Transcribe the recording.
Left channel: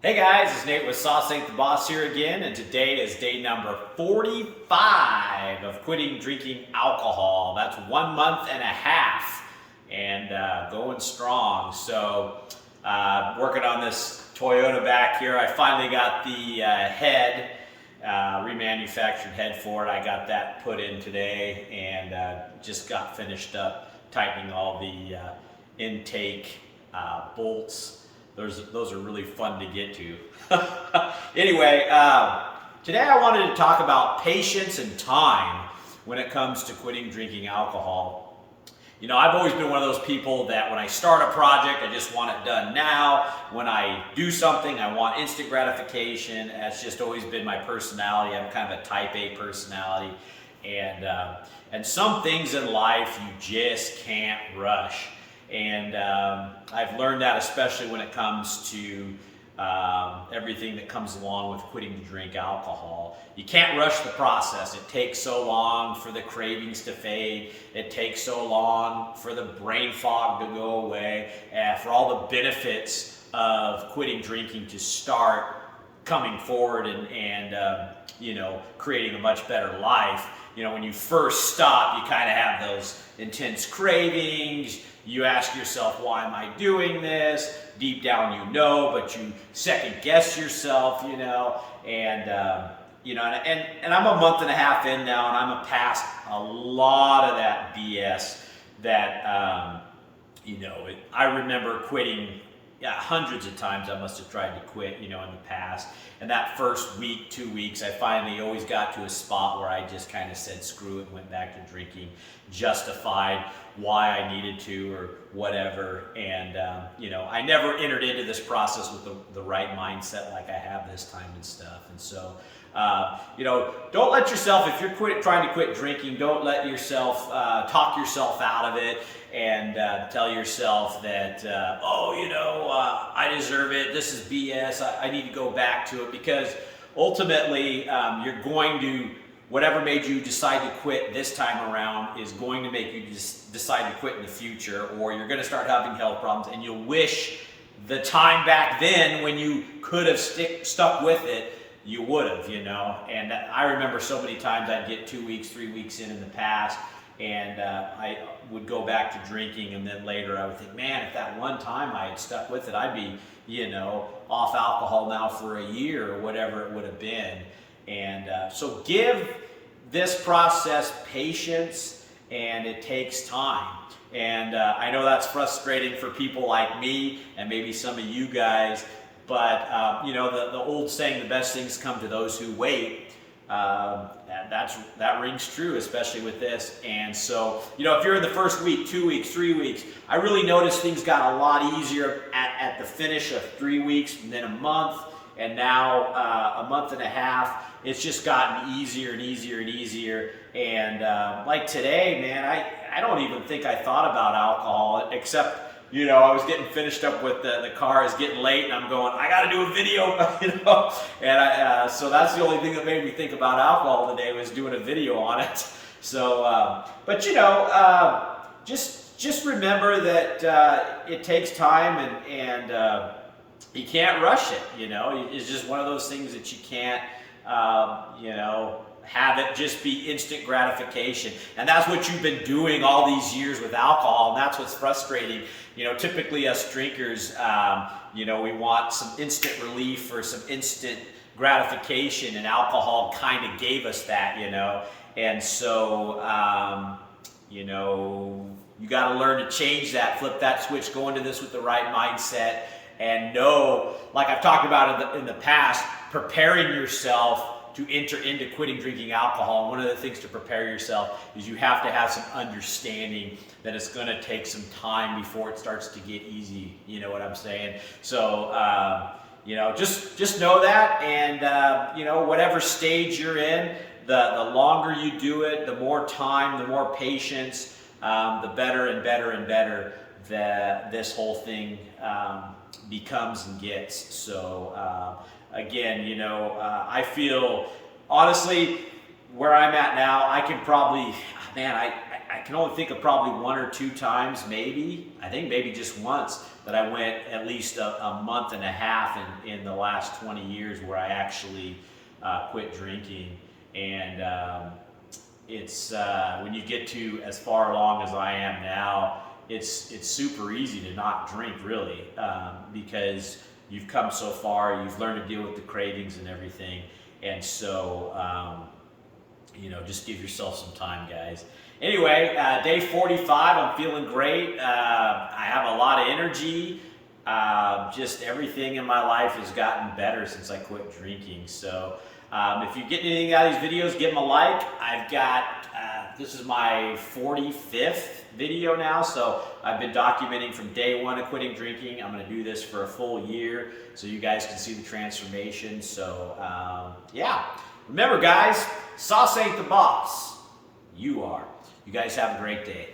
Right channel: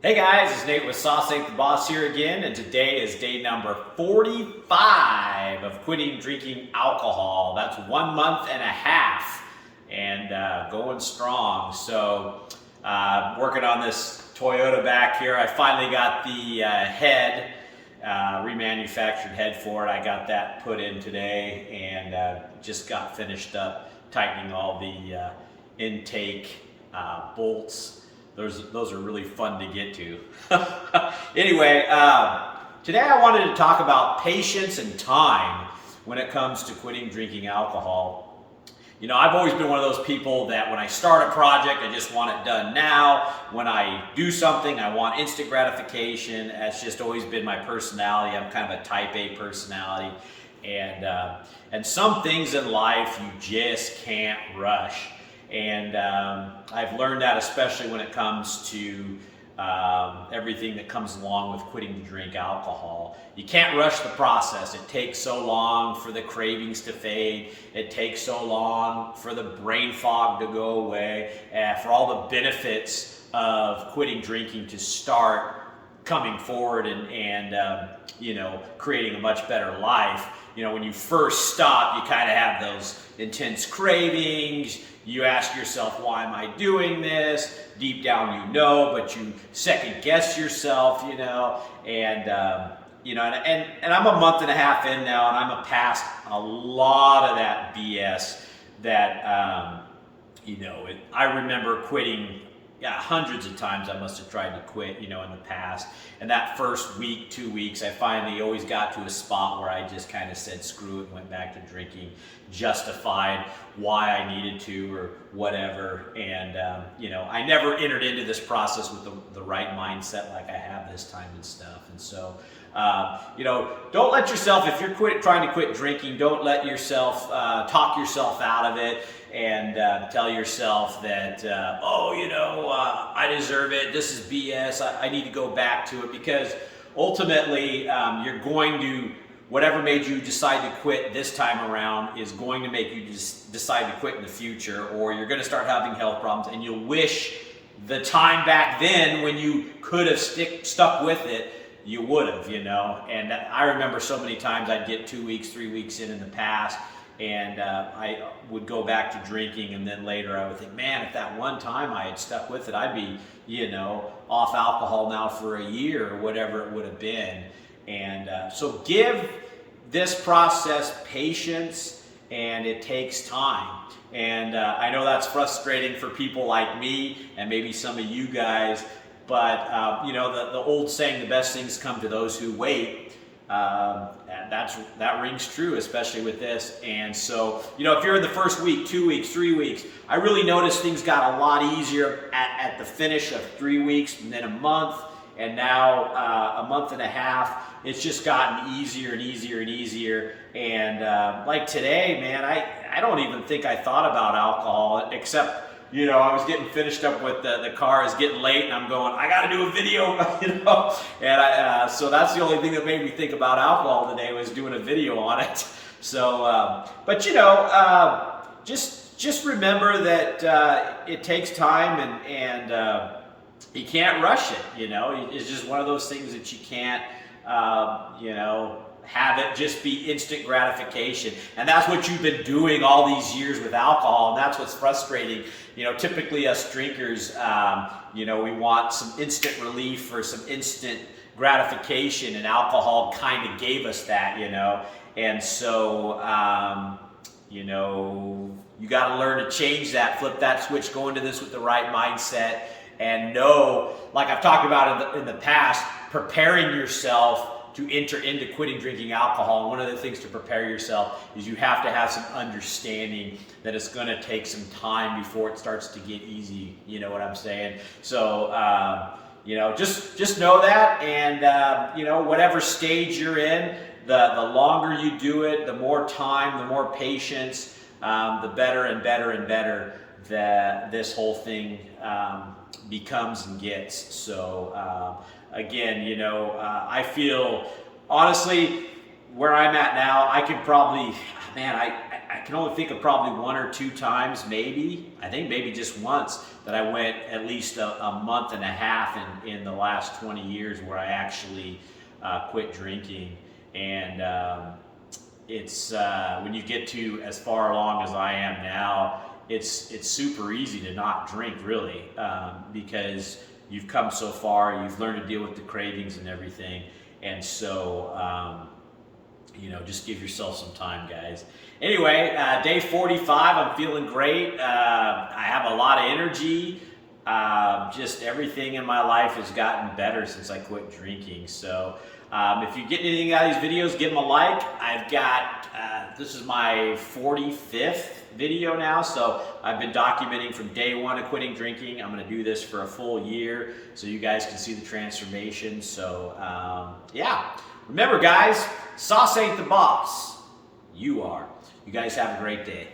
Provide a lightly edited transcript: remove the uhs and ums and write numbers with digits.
Hey guys, it's Nate with Sauce Ain't the Boss here again, and today is day number 45 of quitting drinking alcohol. That's 1 month and a half and going strong. So, working on this Toyota back here. I finally got the head, remanufactured head for it. I got that put in today and just got finished up tightening all the intake bolts. Those are really fun to get to. Anyway, today I wanted to talk about patience and time when it comes to quitting drinking alcohol. You know, I've always been one of those people that when I start a project, I just want it done now. When I do something, I want instant gratification. That's just always been my personality. I'm kind of a type A personality. And some things in life you just can't rush. And I've learned that especially when it comes to everything that comes along with quitting to drink alcohol. You can't rush the process. It takes so long for the cravings to fade. It takes so long for the brain fog to go away, for all the benefits of quitting drinking to start coming forward and creating a much better life. You know, when you first stop, you kind of have those intense cravings. You ask yourself, why am I doing this? Deep down you know, but you second guess yourself, and I'm a month and a half in now, and I'm past a lot of that BS that, I remember quitting. Yeah, hundreds of times I must have tried to quit, in the past. And that first week, 2 weeks, I finally always got to a spot where I just kind of said screw it and went back to drinking, justified why I needed to or whatever. And, I never entered into this process with the right mindset like I have this time and stuff. And so, don't let yourself, if you're trying to quit drinking, don't let yourself talk yourself out of it and tell yourself that, I deserve it. This is BS. I need to go back to it, because ultimately you're going to, whatever made you decide to quit this time around is going to make you decide to quit in the future, or you're going to start having health problems and you'll wish the time back then when you could have stuck with it, you would have, And I remember so many times I'd get 2 weeks, 3 weeks in the past, and I would go back to drinking, and then later I would think, man, if that one time I had stuck with it, I'd be, off alcohol now for a year or whatever it would have been. And so give this process patience, and it takes time. And I know that's frustrating for people like me and maybe some of you guys, but the old saying, the best things come to those who wait. That rings true, especially with this. And so, if you're in the first week, 2 weeks, 3 weeks, I really noticed things got a lot easier at the finish of 3 weeks, and then a month, and now a month and a half. It's just gotten easier and easier and easier. And like today, man, I don't even think I thought about alcohol, except I was getting finished up with the car is getting late, and I'm going, I got to do a video, and so that's the only thing that made me think about alcohol today, was doing a video on it. So, but just remember that it takes time, and you can't rush it. It's just one of those things that you can't, have it just be instant gratification. And that's what you've been doing all these years with alcohol, and that's what's frustrating. Typically us drinkers, we want some instant relief or some instant gratification, and alcohol kind of gave us that, And so, you got to learn to change that, flip that switch, go into this with the right mindset, and know, like I've talked about in the past, preparing yourself to enter into quitting drinking alcohol. And one of the things to prepare yourself is you have to have some understanding that it's going to take some time before it starts to get easy. You know what I'm saying? So, just know that, and, whatever stage you're in, the longer you do it, the more time, the more patience, the better and better and better that this whole thing becomes and gets. So, again, I feel, honestly, where I'm at now, I can probably, man, I can only think of probably 1 or 2 times, maybe. I think maybe just once that I went at least a month and a half in the last 20 years where I actually quit drinking. And it's when you get to as far along as I am now, it's super easy to not drink, really, because you've come so far, you've learned to deal with the cravings and everything. And so, you know, just give yourself some time, guys. Anyway, day 45, I'm feeling great. I have a lot of energy. Just everything in my life has gotten better since I quit drinking. So if you get anything out of these videos, give them a like. I've got, this is my 45th video now, so I've been documenting from day 1 of quitting drinking. I'm going to do this for a full year so you guys can see the transformation. So yeah, remember guys, sauce ain't the boss. You are. You guys have a great day.